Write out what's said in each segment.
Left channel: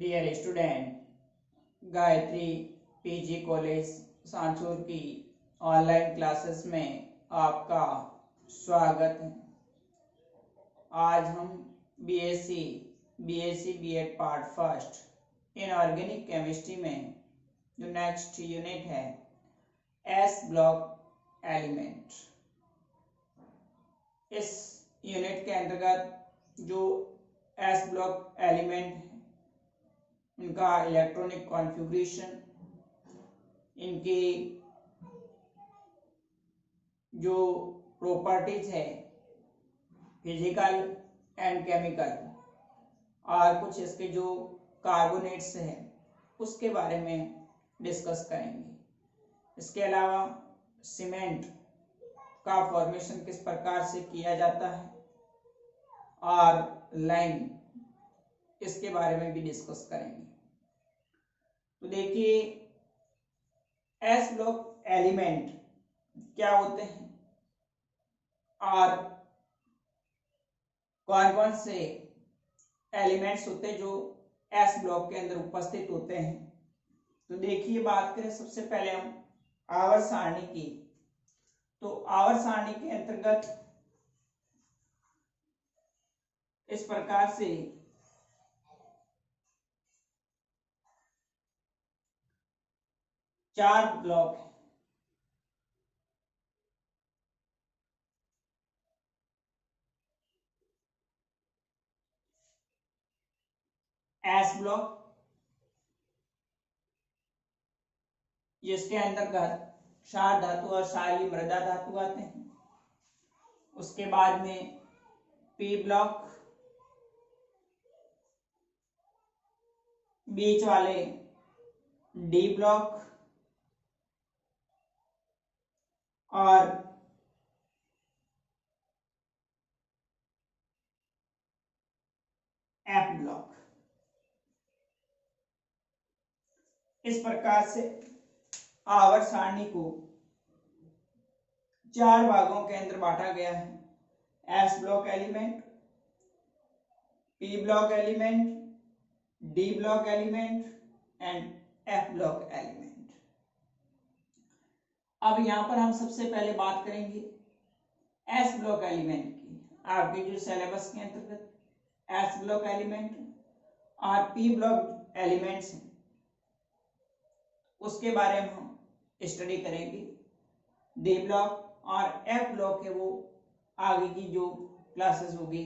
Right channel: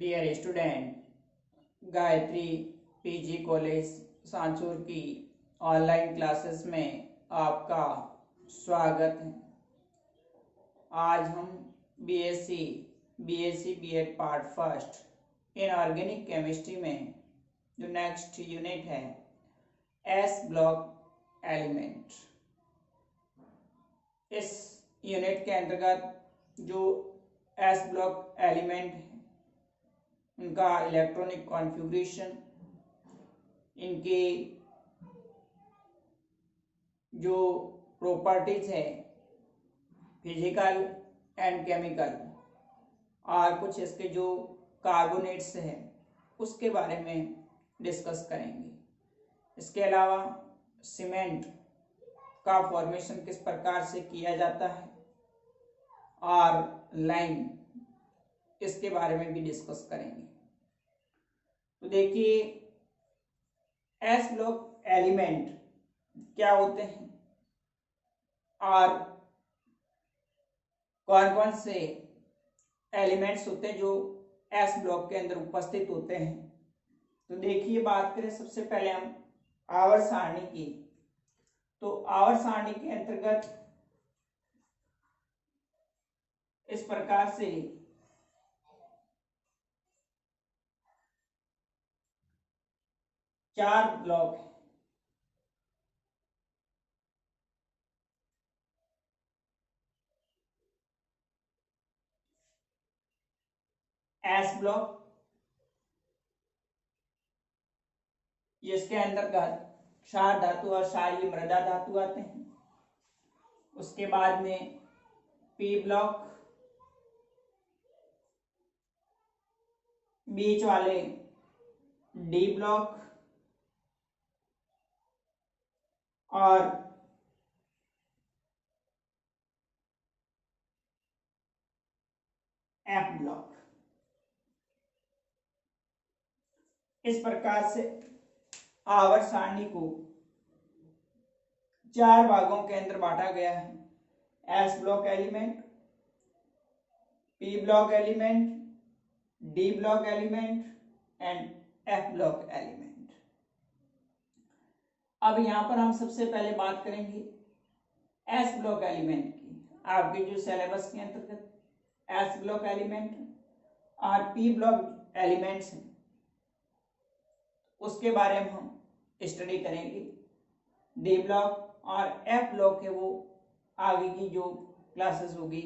Dear student, Gayatri PG college Sanchore की online classes में आपका स्वागत है। आज हम BSc BEd part first in organic chemistry में जो नेक्स्ट यूनिट है एस ब्लॉक एलिमेंट, इस यूनिट के अंतर्गत जो एस ब्लॉक एलिमेंट है उनका इलेक्ट्रॉनिक कॉन्फ़िगरेशन, इनके जो प्रॉपर्टीज है फिजिकल एंड केमिकल, और कुछ इसके जो कार्बोनेट्स हैं उसके बारे में डिस्कस करेंगे। इसके अलावा सीमेंट का फॉर्मेशन किस प्रकार से किया जाता है और लाइम, इसके बारे में भी डिस्कस करेंगे। तो देखिए, एस ब्लॉक एलिमेंट क्या होते हैं और कौन कौन से एलिमेंट्स होते हैं जो एस ब्लॉक के अंदर उपस्थित होते हैं। तो देखिए, बात करें सबसे पहले हम आवर्त सारणी की, तो आवर्त सारणी के अंतर्गत इस प्रकार से चार ब्लॉक है। एस ब्लॉक, जिसके अंतर्गत क्षार धातु और क्षारीय मृदा धातु आते हैं। उसके बाद में पी ब्लॉक, बीच वाले डी ब्लॉक और एफ ब्लॉक। इस प्रकार से आवर्त सारणी को चार भागों के अंदर बांटा गया है। S block element, P block element, D block element and F block element. अब यहां पर हम सबसे पहले बात करेंगे एस ब्लॉक एलिमेंट की। आपके जो सिलेबस के अंतर्गत एस ब्लॉक एलिमेंट और पी ब्लॉक एलिमेंट्स हैं उसके बारे में हम स्टडी करेंगे। डी ब्लॉक और एफ ब्लॉक है वो आगे की जो क्लासेस होगी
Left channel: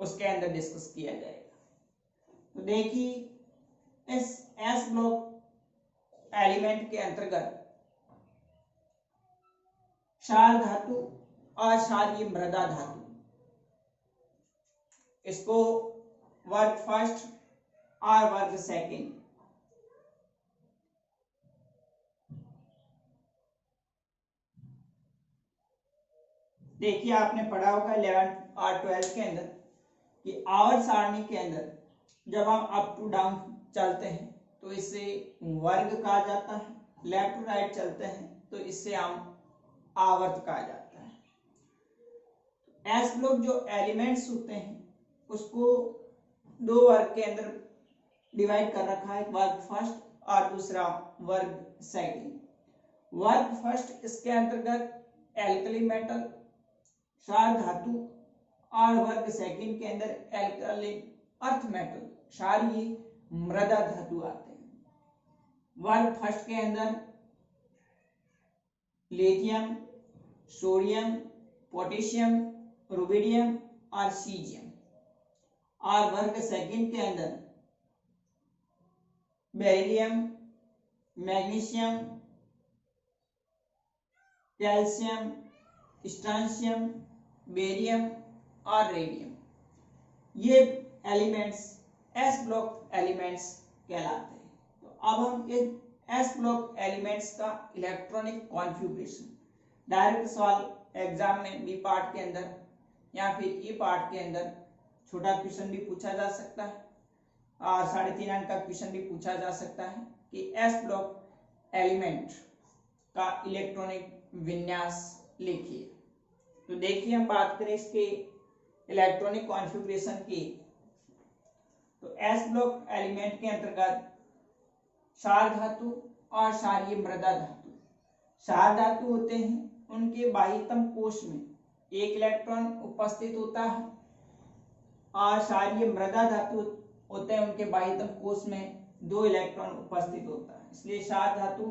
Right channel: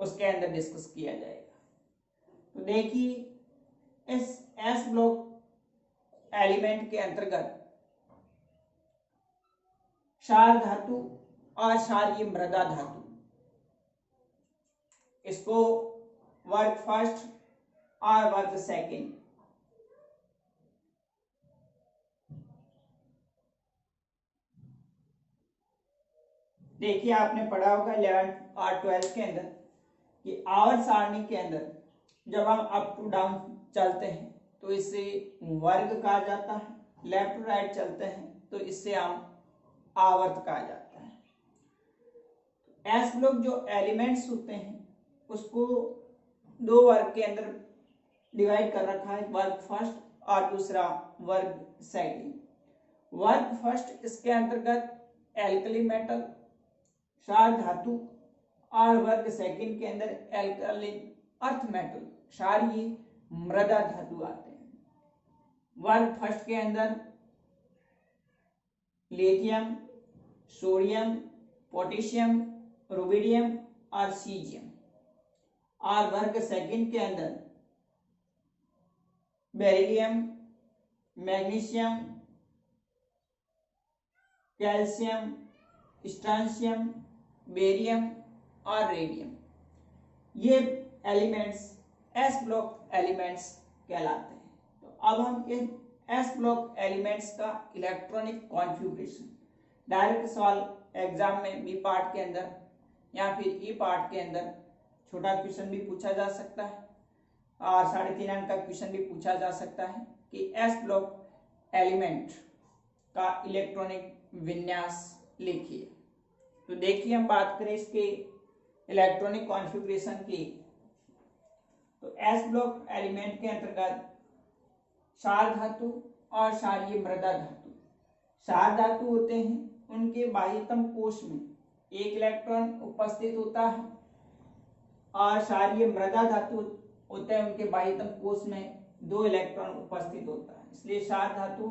उसके अंदर डिस्कस किया जाएगा। तो देखिए, इस एस ब्लॉक एलिमेंट के अंतर्गत क्षार धातु और क्षारीय मृदा धातु, इसको वर्ग फर्स्ट और वर्ग सेकंड देखिए, आपने पढ़ा होगा 11th और 12th के अंदर कि आवर्त सारणी के अंदर जब हम अप टू डाउन चलते हैं तो इससे वर्ग कहा जाता है, लेफ्ट टू राइट चलते हैं तो इससे हम आवर्त कहा जाता है। एस ब्लॉक जो एलिमेंट्स होते हैं उसको दो वर्ग के अंदर डिवाइड कर रखा है, वर्ग फर्स्ट और दूसरा वर्ग सेकंड। वर्ग फर्स्ट, इसके अंतर्गत एल्कली मेटल, क्षार धातु, और वर्ग सेकंड के अंदर एल्कली अर्थ मेटल, क्षारीय मृदा धातु आते हैं। वर्ग फर्स्ट के अंदर लिथियम, सोडियम, पोटेशियम, रुबिडियम और सीजियम, और वर्ग सेकंड के अंदर बेरिलियम, मैग्नीशियम, कैल्शियम, स्ट्रांशियम, बेरियम और रेडियम। ये एलिमेंट्स एस ब्लॉक एलिमेंट्स कहलाते हैं। तो अब हम इन एस ब्लॉक एलिमेंट्स का इलेक्ट्रॉनिक कॉन्फ़िगरेशन, डायरेक्ट सवाल एग्जाम में बी पार्ट के अंदर या फिर ई पार्ट के अंदर छोटा क्वेश्चन भी पूछा जा सकता है और 3.5 अंक का क्वेश्चन भी पूछा जा सकता है कि एस ब्लॉक एलिमेंट का इलेक्ट्रॉनिक विन्यास लिखिए। तो देखिए, हम बात करें इसके इलेक्ट्रॉनिक कॉन्फ़िगरेशन की, तो एस ब्लॉक एलिमेंट के अंतर्गत क्षार धातु और क्षारीय मृदा धातु। क्षार धातु होते हैं, उनके बाह्यतम कोश में एक इलेक्ट्रॉन उपस्थित होता है, और क्षारीय मृदा धातु होते हैं, उनके बाह्यतम कोश में 2 इलेक्ट्रॉन उपस्थित होता है। इसलिए क्षार धातु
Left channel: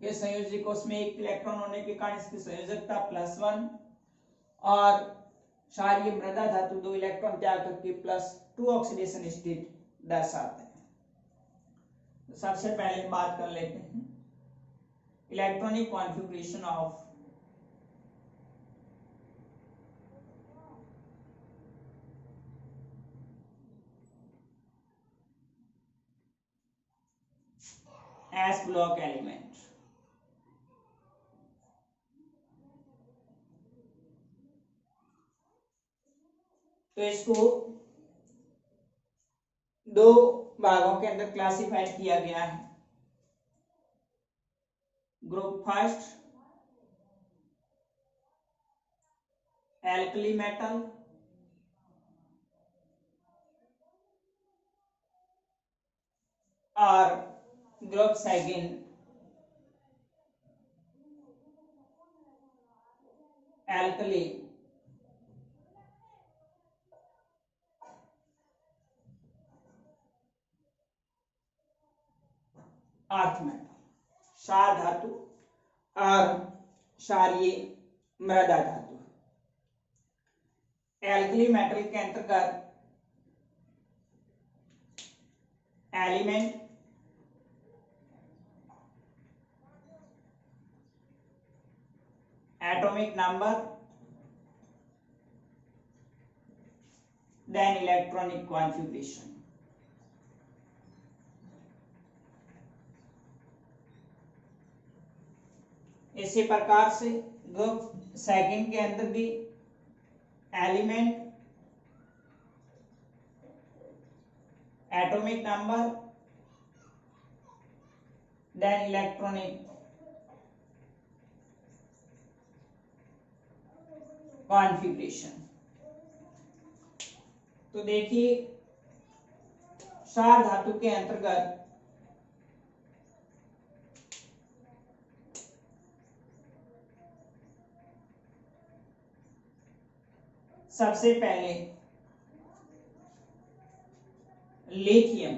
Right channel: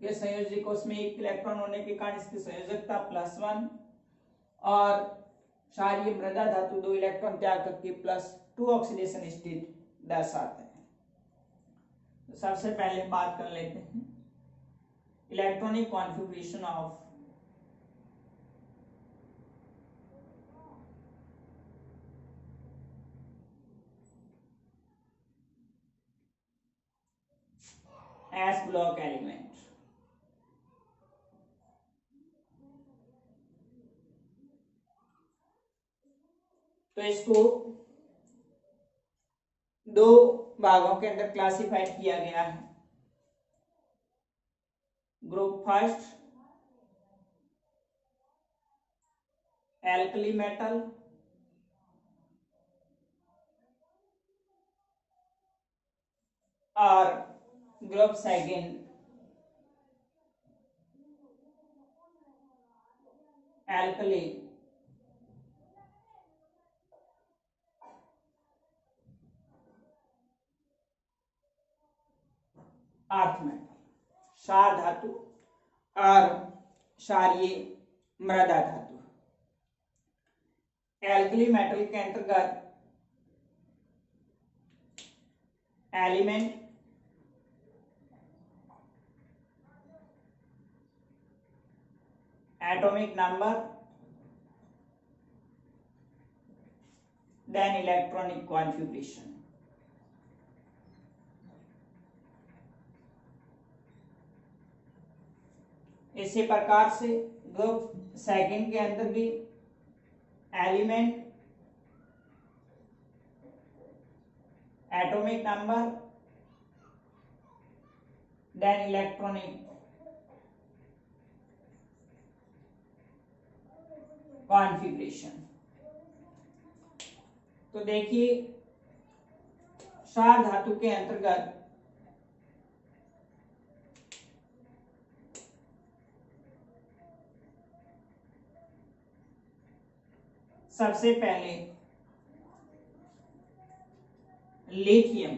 के संयोजी कोश में 1 इलेक्ट्रॉन होने के कारण इसकी संयोजकता +1, और क्षारीय मृदा धातु 2 इलेक्ट्रॉन त्याग करके +2 ऑक्सीडेशन स्टेट दर्शाते हैं। तो सबसे पहले बात कर लेते हैं electronic configuration of S block element. तो इसको 2 भागों के अंदर क्लासिफाइड किया गया है। ग्रुप फर्स्ट एल्कली मेटल, और group second alkali earth metal, क्षार धातु और क्षारीय मृदा धातु। एल्कली मेटल के अंतर्गत element, atomic number, then electronic configuration. इसी प्रकार से ग्रुप सेकंड के अंदर भी element, atomic number, then electronic configuration. तो देखिए क्षार धातु के अंतर्गत सबसे पहले लिथियम,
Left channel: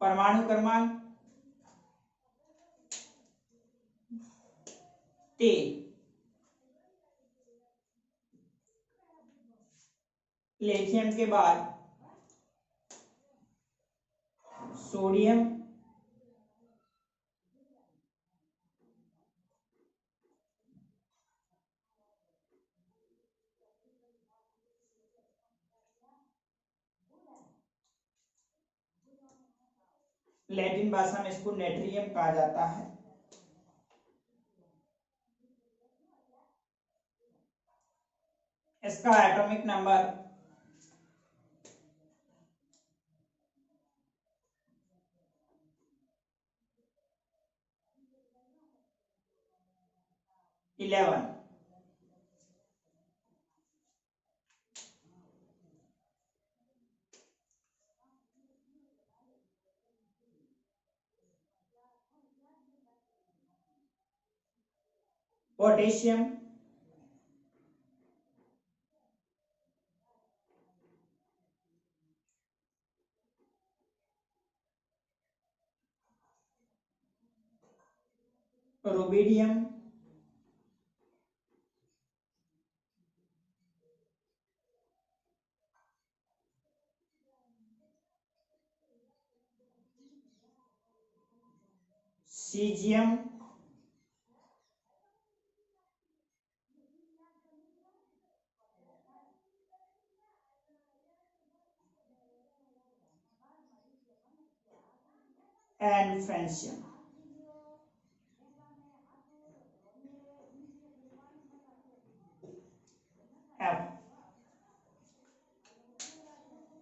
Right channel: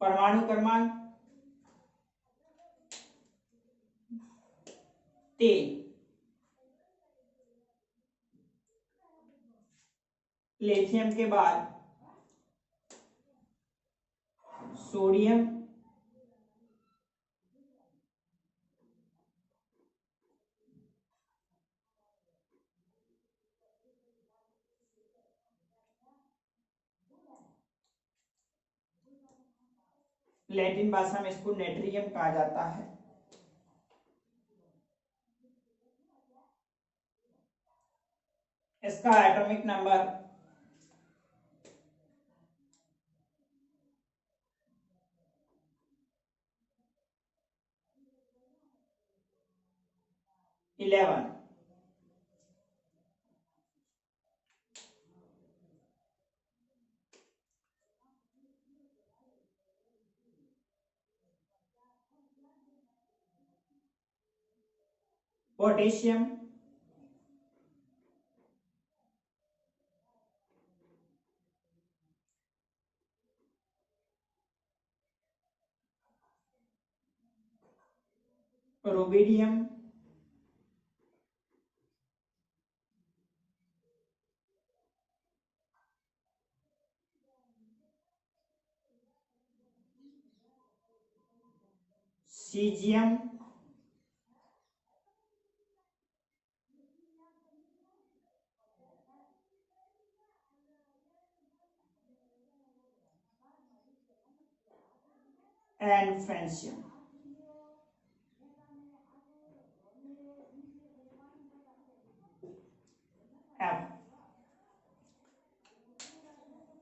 परमाणु क्रमांक 3, लिथियम के बाद सोडियम, लैटिन भाषा में इसको नेट्रियम कहा जाता है, इसका atomic number 11। Potassium, rubidium, caesium, and francium.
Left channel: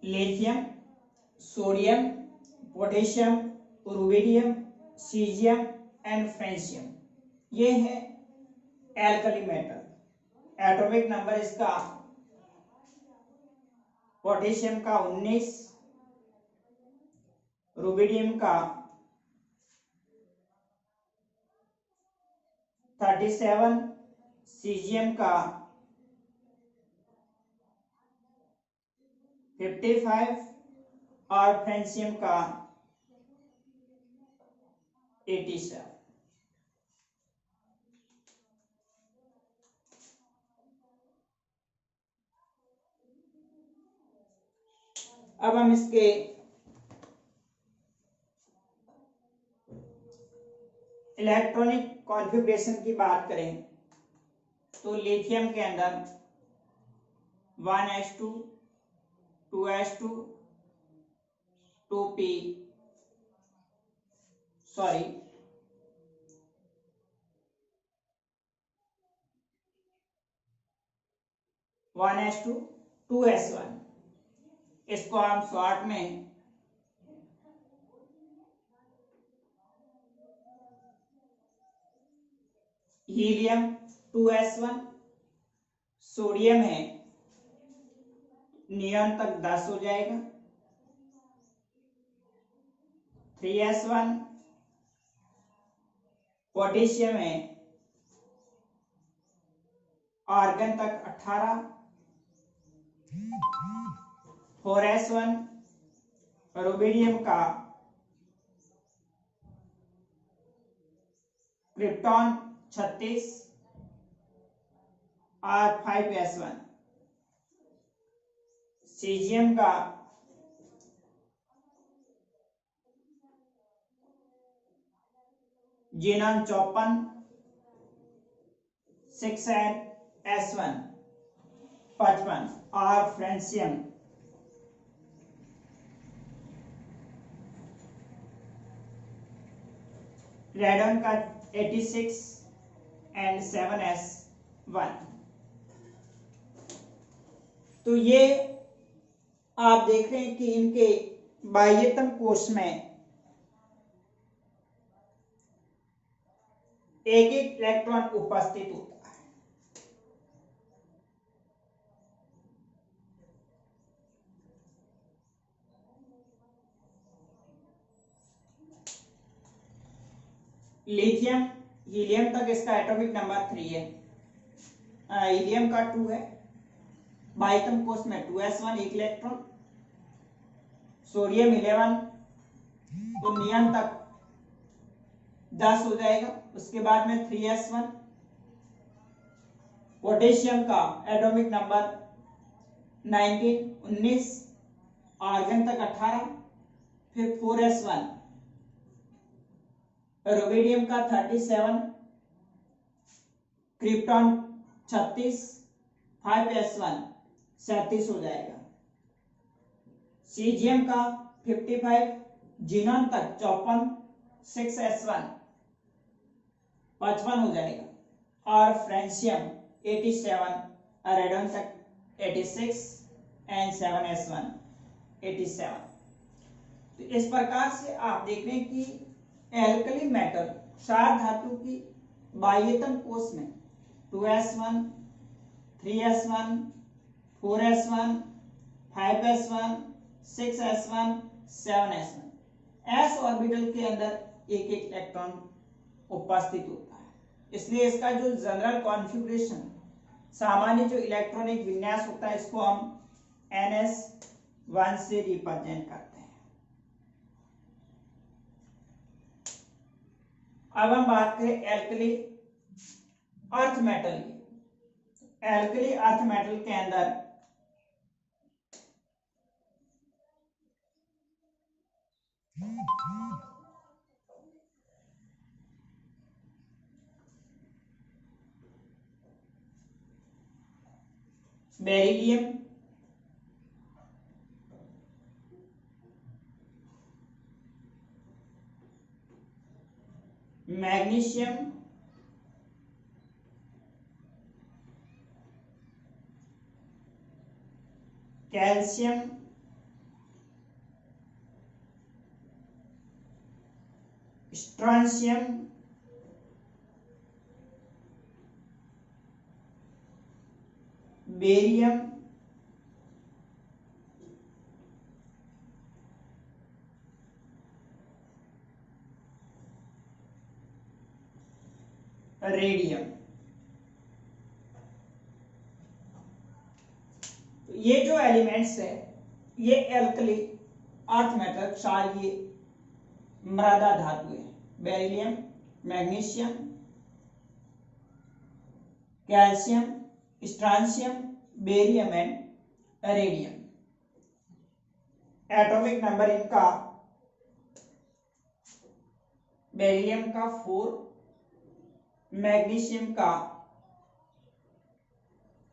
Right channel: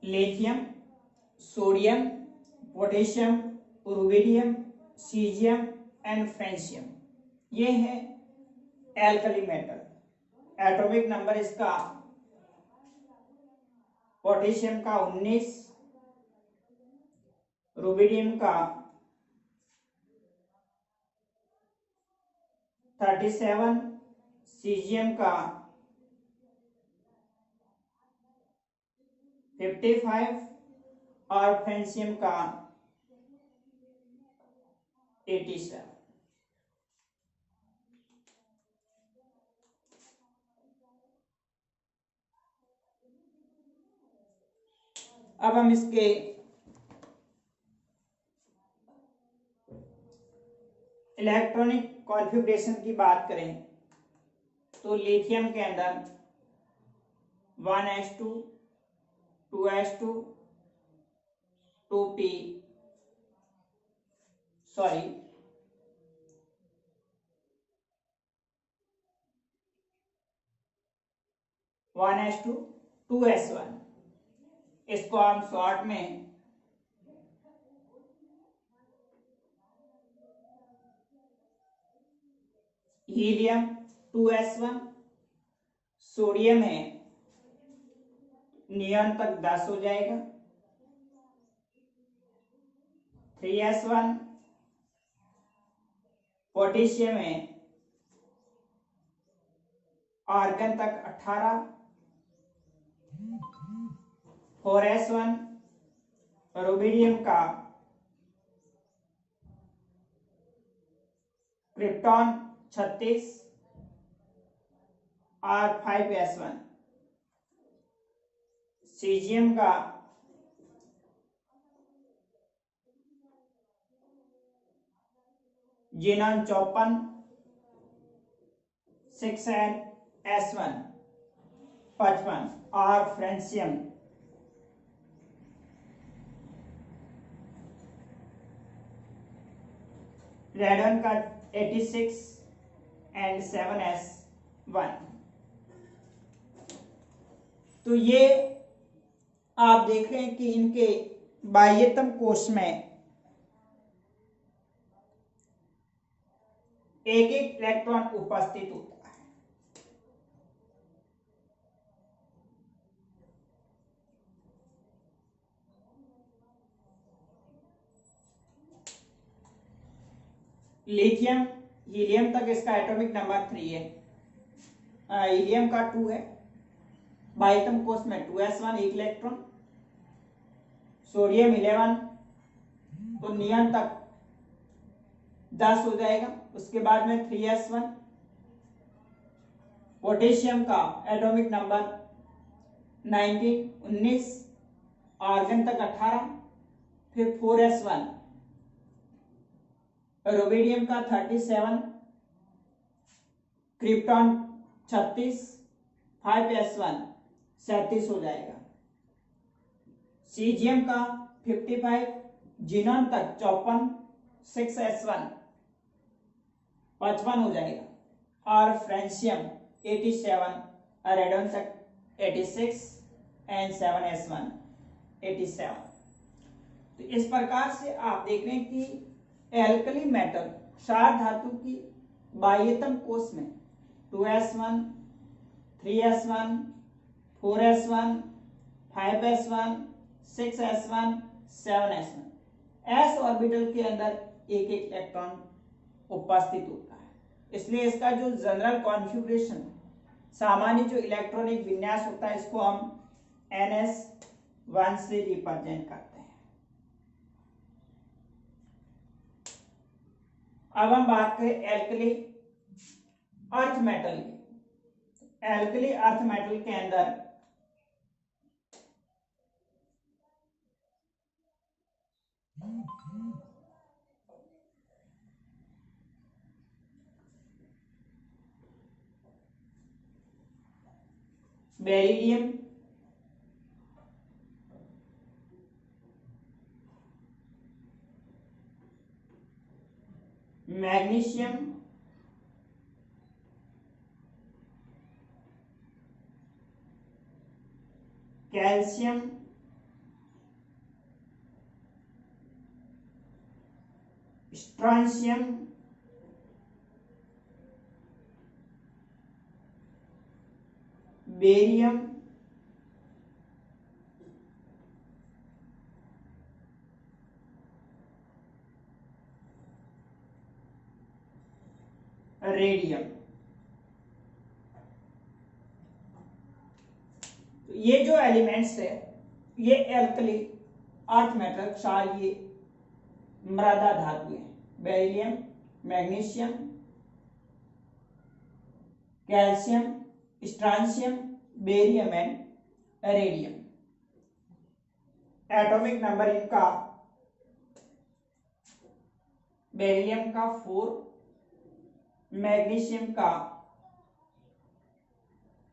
Lithium, sodium, potassium, rubidium, caesium and francium, ये है एल्कली मेटल। एटॉमिक नंबर इसका पोटेशियम का 19, रुबिडियम का 37, सीजियम का 55 और फ्रेंशियम का 87। अब हम इसके इलेक्ट्रॉनिक कॉन्फ़िगरेशन की बात करें तो लिथियम के अंदर 1s2, 2s2, 2p, sorry 1s2, 2s1, इसको हम शॉर्ट में हीलियम 2s1, सोडियम है नियॉन तक 10 हो जाएगा, 3s1, पोटेशियम है आर्गन तक 18, 4s1, रुबिडियम का क्रिप्टॉन 36 और 5s1, सीजियम का जीनॉन 54, 6s1 55 और फ्रेंशियम रेडन का 86 एंड 7s1। तो ये आप देख रहे हैं कि इनके बाह्यतम कोश में एक एक इलेक्ट्रॉन उपस्थित होता है। लिथियम हीलियम तक इसका एटॉमिक नंबर 3 है, हीलियम का 2 है, बाह्यतम कोश में 2s1 एक इलेक्ट्रॉन, सोडियम 11 तो नियॉन तक 10 हो जाएगा, उसके बाद में 3s1, पोटेशियम का एटॉमिक नंबर 19 आर्गन तक 18, फिर 4s1, रुबिडियम का 37, क्रिप्टॉन 36, 5s1 37 हो जाएगा, सीजियम का 55, जीनॉन तक 54, 6s1 55 हो जाएगा, और फ्रेंशियम 87, रेडन तक 86 एंड 7s1 87। तो इस प्रकार से आप देख रहे हैं कि एल्कली मेटल क्षार धातु की बाह्यतम कोश में 2s1, 3s1, 4s1, 5s1, 6s1, 7s1 s orbital के अंदर एक एक इलेक्ट्रॉन उपस्थित होता है। इसलिए इसका जो जनरल कॉन्फ़िगरेशन सामान्य जो इलेक्ट्रॉनिक विन्यास होता है इसको हम ns1 से रिप्रेजेंट करते हैं। अब हम बात करें एल्कली अर्थ मेटल की। एल्कली अर्थ मेटल के अंदर beryllium, magnesium, calcium, स्ट्रांशियम, barium, radium. ये जो एलिमेंट्स है ये एल्कली अर्थ मेटल क्षारीय मृदा धातु है। Beryllium, magnesium, calcium, स्ट्रांशियम, barium and radium. Atomic number इनका बेरिलियम का 4, मैग्नीशियम का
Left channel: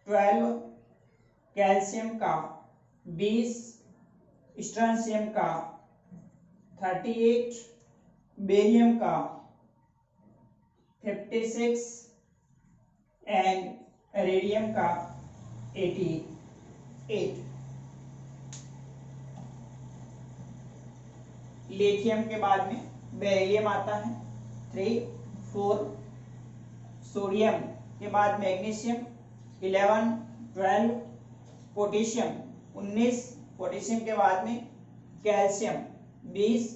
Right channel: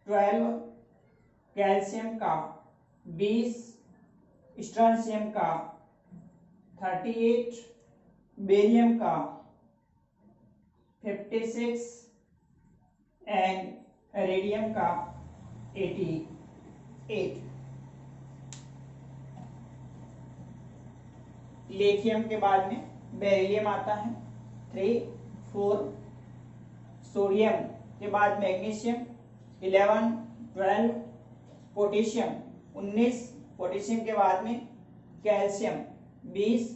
12, कैल्शियम का 20, स्ट्रांशियम का 38, बेरियम का 56 एंड रेडियम का 88। लिथियम के बाद में बेरिलियम आता है 3, 4, सोडियम के बाद मैग्नीशियम 11, 12, पोटेशियम 19, पोटेशियम के बाद में कैल्शियम 20।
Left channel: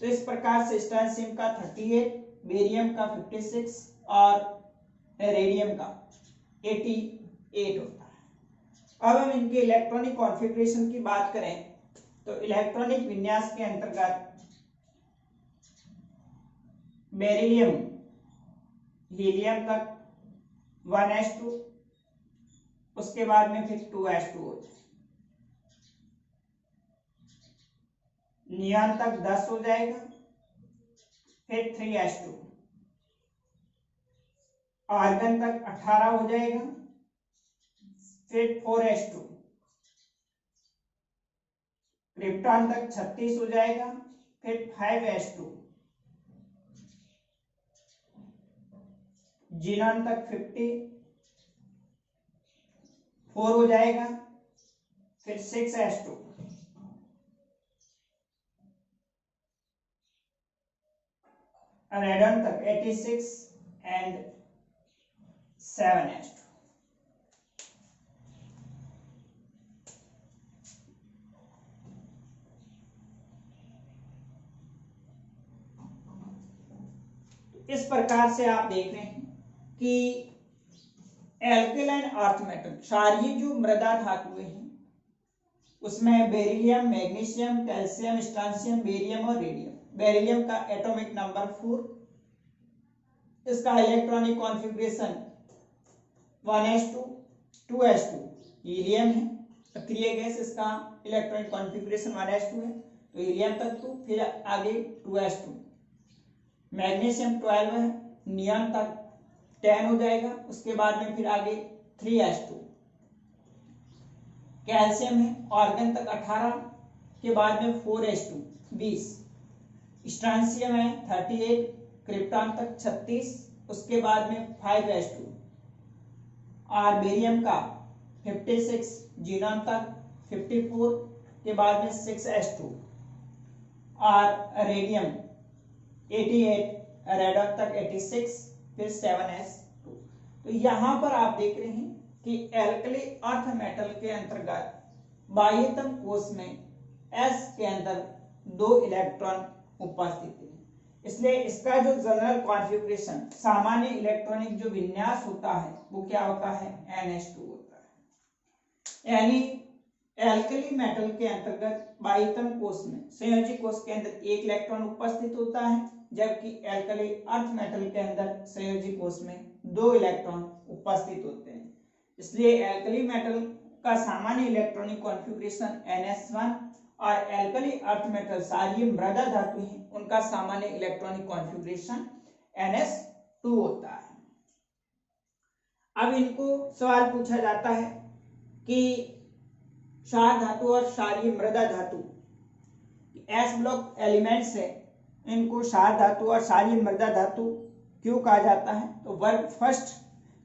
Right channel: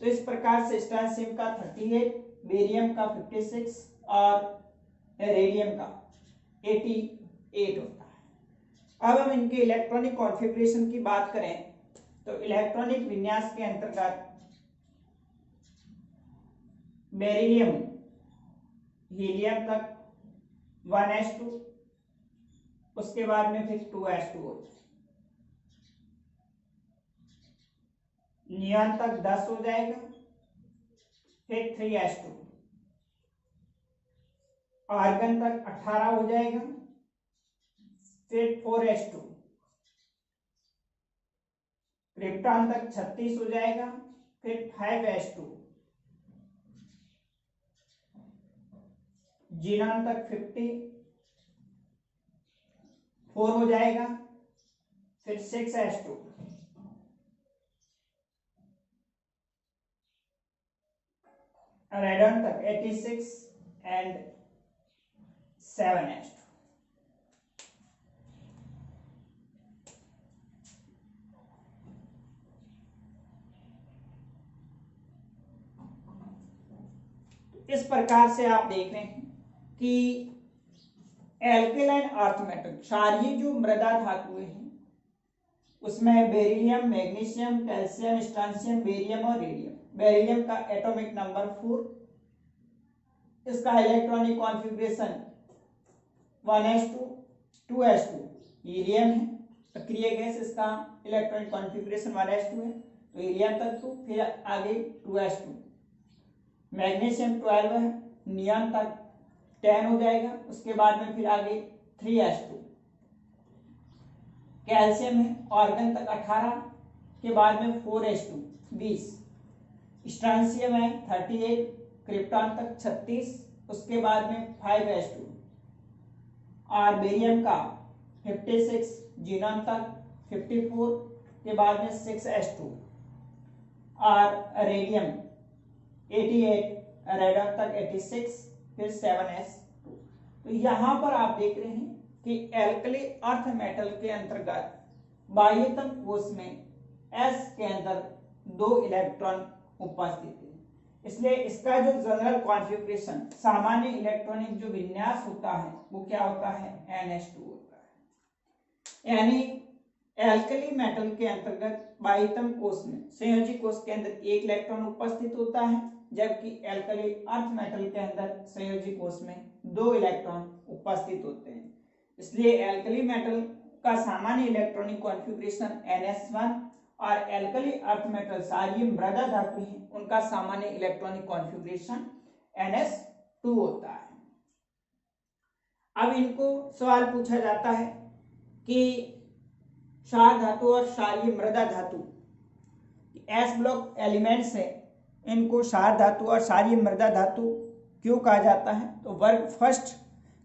तो इस प्रकार से स्ट्रांशियम का 38, बेरियम का 56 और रेडियम का 88 होता है। अब हम इनके इलेक्ट्रॉनिक कॉन्फ़िगरेशन की बात करें तो इलेक्ट्रॉनिक विन्यास के अंतर्गत बेरिलियम हीलियम तक 1s2, उसके बाद में फिर 2s2 हो जाए, नियॉन तक 10 हो जाएगा, फिर 3s2, आर्गन तक 18 हो जाएगा, फिर 4s2, क्रिप्टॉन तक 36 हो जाएगा, फिर 5s2, जीनॉन तक 54 हो जाएगा, फिर 6s2, रेडन तक 86 एंड 7s2। इस प्रकार से आप देख रहे हैं कि एल्केलाइन अर्थ मेटल क्षारीय जो मृदा धातुएं हैं उसमें बेरिलियम, मैग्नीशियम, कैल्शियम, स्ट्रांशियम, बेरियम और रेडियम। बेरिलियम का एटॉमिक नंबर 4, इसका electronic configuration 1s2, 2s2, helium है सक्रिय गैस, इसका इलेक्ट्रॉनिक कॉन्फ़िगरेशन 1s2 है, तो हीलियम तक 2, फिर आगे 2s2, मैग्नीशियम 12 है, नियॉन तक 10 हो जाएगा, उसके बाद में फिर आगे 3s2, कैल्शियम है ऑर्गन तक 18 के बाद में 4s2 20, स्ट्रांशियम है 38, क्रिप्टॉन तक 36, उसके बाद में 5s2, और बेरियम का 56, जीनॉन तक 54 के बाद में 6s2, और रेडियम 88, रेडन तक 86, फिर 7s2। तो यहां पर आप देख रहे हैं कि एल्कली अर्थ मेटल के अंतर्गत बाह्यतम कोश में s के अंदर 2 इलेक्ट्रॉन उपस्थित है, इसलिए इसका जो जनरल कॉन्फ़िगरेशन सामान्य इलेक्ट्रॉनिक जो विन्यास होता है वो क्या होता है, ns2 होता है। यानी एल्कली मेटल के अंतर्गत बाह्यतम कोश में संयोजी कोश के अंदर 1 इलेक्ट्रॉन उपस्थित होता है, जबकि एल्कली अर्थ मेटल के अंदर संयोजी कोश में 2 इलेक्ट्रॉन उपस्थित होते हैं। इसलिए एल्कली मेटल का सामान्य इलेक्ट्रॉनिक कॉन्फ़िगरेशन ns1 और एल्कली अर्थ मेटल क्षारीय मृदा धातु हैं उनका सामान्य इलेक्ट्रॉनिक कॉन्फ़िगरेशन ns2 होता है। अब इनको सवाल पूछा जाता है कि क्षार धातु और क्षारीय मृदा धातु एस ब्लॉक एलिमेंट्स है, इनको क्षार धातु और क्षारीय मृदा धातु क्यों कहा जाता है। तो वर्ग फर्स्ट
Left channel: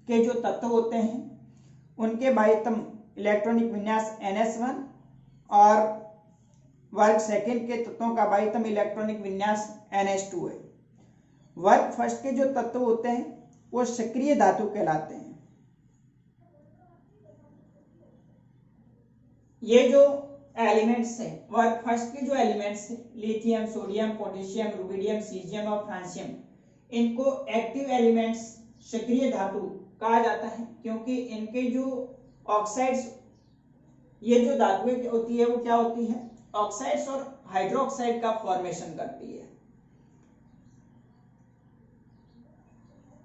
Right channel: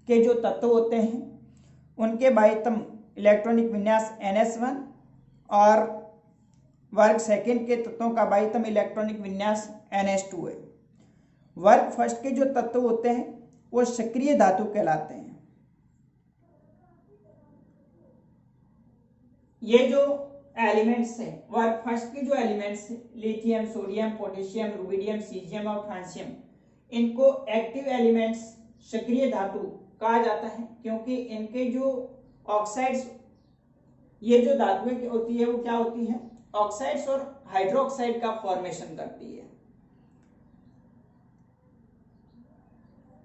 के जो तत्व होते हैं उनके बाह्यतम इलेक्ट्रॉनिक विन्यास ns1 और वर्ग सेकंड के तत्वों का बाह्यतम इलेक्ट्रॉनिक विन्यास ns2 है। वर्ग फर्स्ट के जो तत्व होते हैं वो सक्रिय धातु कहलाते हैं। ये जो एलिमेंट्स है, वर्ग फर्स्ट के जो एलिमेंट्स है, lithium, sodium, potassium, rubidium, caesium और फ्रांसियम, इनको एक्टिव एलिमेंट्स, सक्रिय धातु कहा जाता है, क्योंकि इनके जो ऑक्साइड्स, ये जो धातुएं होती है वो क्या होती है, ऑक्साइड्स और हाइड्रोक्साइड का फॉर्मेशन करती है।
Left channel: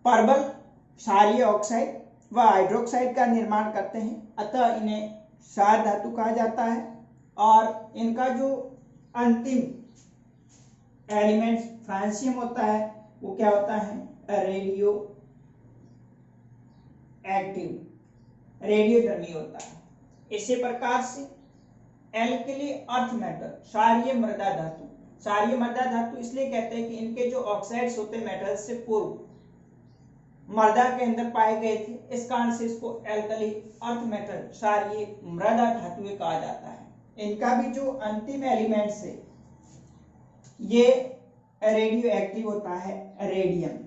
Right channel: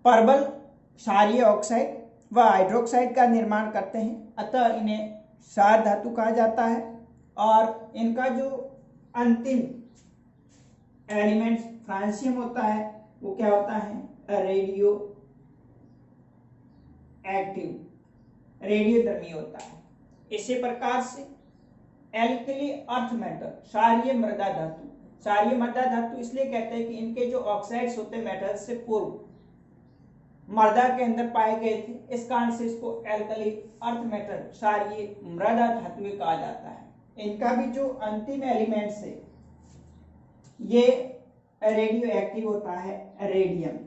परबल क्षारीय ऑक्साइड व हाइड्रोक्साइड का निर्माण करते हैं, अतः इन्हें क्षार धातु कहा जाता है। और इनका जो अंतिम एलिमेंट फ्रांसियम होता है वो क्या होता है, रेडियो एक्टिव, रेडियोधर्मी होता है। इसी प्रकार से एल्कली अर्थ मेटल, क्षारीय मृदा धातु, क्षारीय मृदा धातु इसलिए कहते हैं कि इनके जो ऑक्साइड्स होते हैं मेटल से पूर्व मृदा के अंदर पाए गए थे, इस कारण से इसको एल्कली अर्थ मेटल, क्षारीय मृदा धातु कहा जाता है। इनका भी जो अंतिम एलिमेंट्स है ये रेडियो एक्टिव होता है, रेडियम।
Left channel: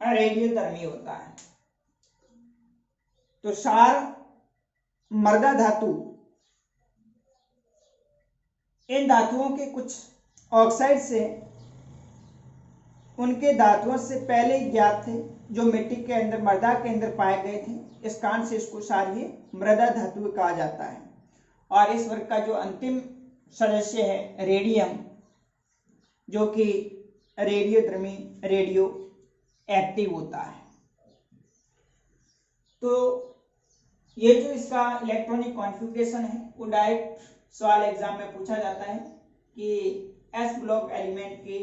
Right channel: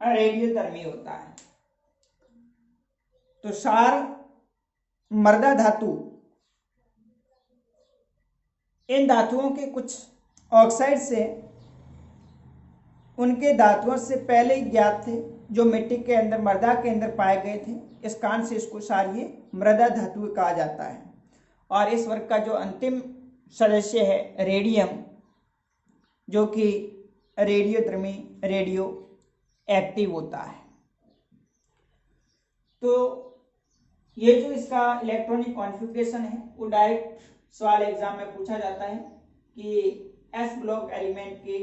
रेडियोधर्मी होता है। तो क्षार मृदा धातु, इन धातुओं के कुछ ऑक्साइड से उनके धातुओं से पहले ज्ञात थे, जो मिट्टी के अंदर, मृदा के अंदर पाए गए थे, इस कारण से इसको क्षारीय मृदा धातु कहा जाता है। और इस वर्ग का जो अंतिम सदस्य है रेडियम, जो कि रेडियोधर्मी, रेडियो एक्टिव होता है। तो ये जो इसका इलेक्ट्रॉनिक कॉन्फ़िगरेशन है वो डायरेक्ट सवाल एग्जाम में पूछा जाता है कि एस ब्लॉक एलिमेंट के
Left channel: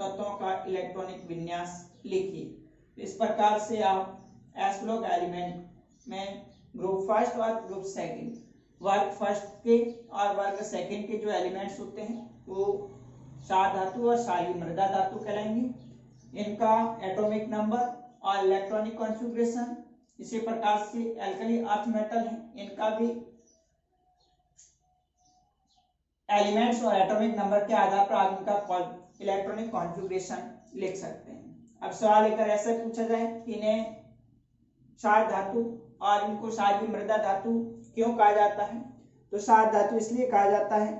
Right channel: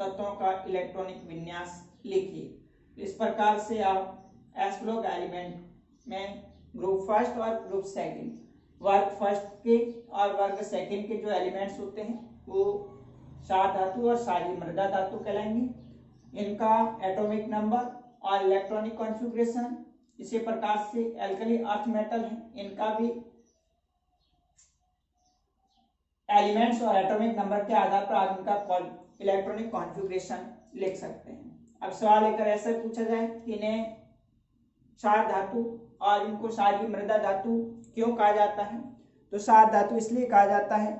तत्वों का इलेक्ट्रॉनिक विन्यास लिखिए। इस प्रकार से आप एस ब्लॉक एलिमेंट में ग्रुप फर्स्ट और ग्रुप सेकंड, वर्ग फर्स्ट के और वर्ग सेकंड के जो एलिमेंट्स होते हैं वो क्षार धातु और क्षारीय मृदा धातु कहलाएंगे। इनका एटॉमिक नंबर और इलेक्ट्रॉनिक कॉन्फ़िगरेशन, इसी प्रकार से एल्कली अर्थ मेटल है, इनका भी एलिमेंट्स और एटॉमिक नंबर के आधार पर आप इनका इलेक्ट्रॉनिक कॉन्फ़िगरेशन लिख सकते हैं। अब सवाल अगर ऐसे पूछा जाए कि इन्हें क्षार धातु और इनको क्षारीय मृदा धातु क्यों कहा जाता है, तो क्षार धातु इसलिए कहा जाता है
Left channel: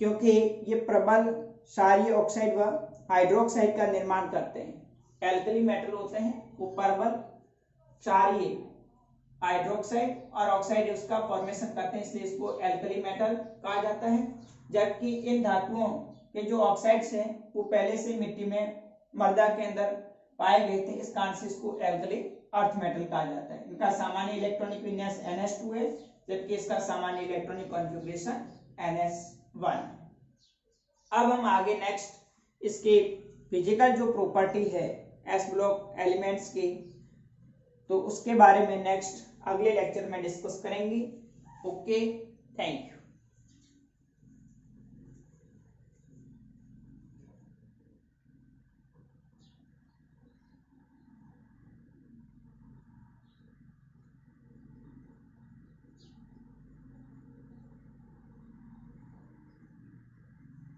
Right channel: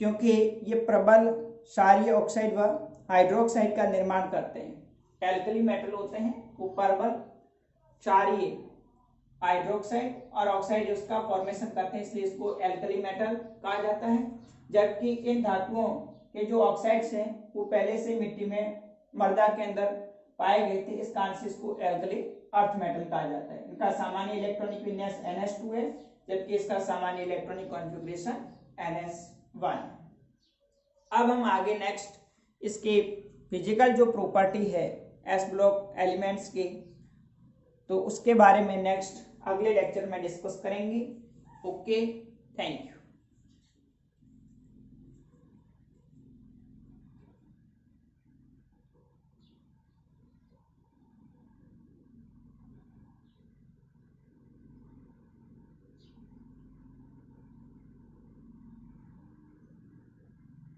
क्योंकि ये प्रबल क्षारीय ऑक्साइड व हाइड्रोक्साइड का निर्माण करते हैं। एल्कली मेटल होते हैं वो प्रबल क्षारीय, हाइड्रोक्साइड और ऑक्साइड उसका फॉर्मेशन करते हैं, इसलिए इसको एल्कली मेटल कहा जाता है। जबकि इन धातुओं के जो ऑक्साइड्स हैं वो पहले से मिट्टी में, मृदा के अंदर पाए गए थे, इस कारण से इसको एल्कली अर्थ मेटल कहा जाता है। इनका सामान्य इलेक्ट्रॉनिक विन्यास NH2 है, जबकि इसका सामान्य इलेक्ट्रॉनिक कॉन्फ़िगरेशन NS1। अब हम आगे नेक्स्ट इसके फिजिकल जो प्रॉपर्टी है एस ब्लॉक एलिमेंट्स की, तो उसके बारे में नेक्स्ट अगले लेक्चर में डिस्कस करेंगे। Okay, thank you.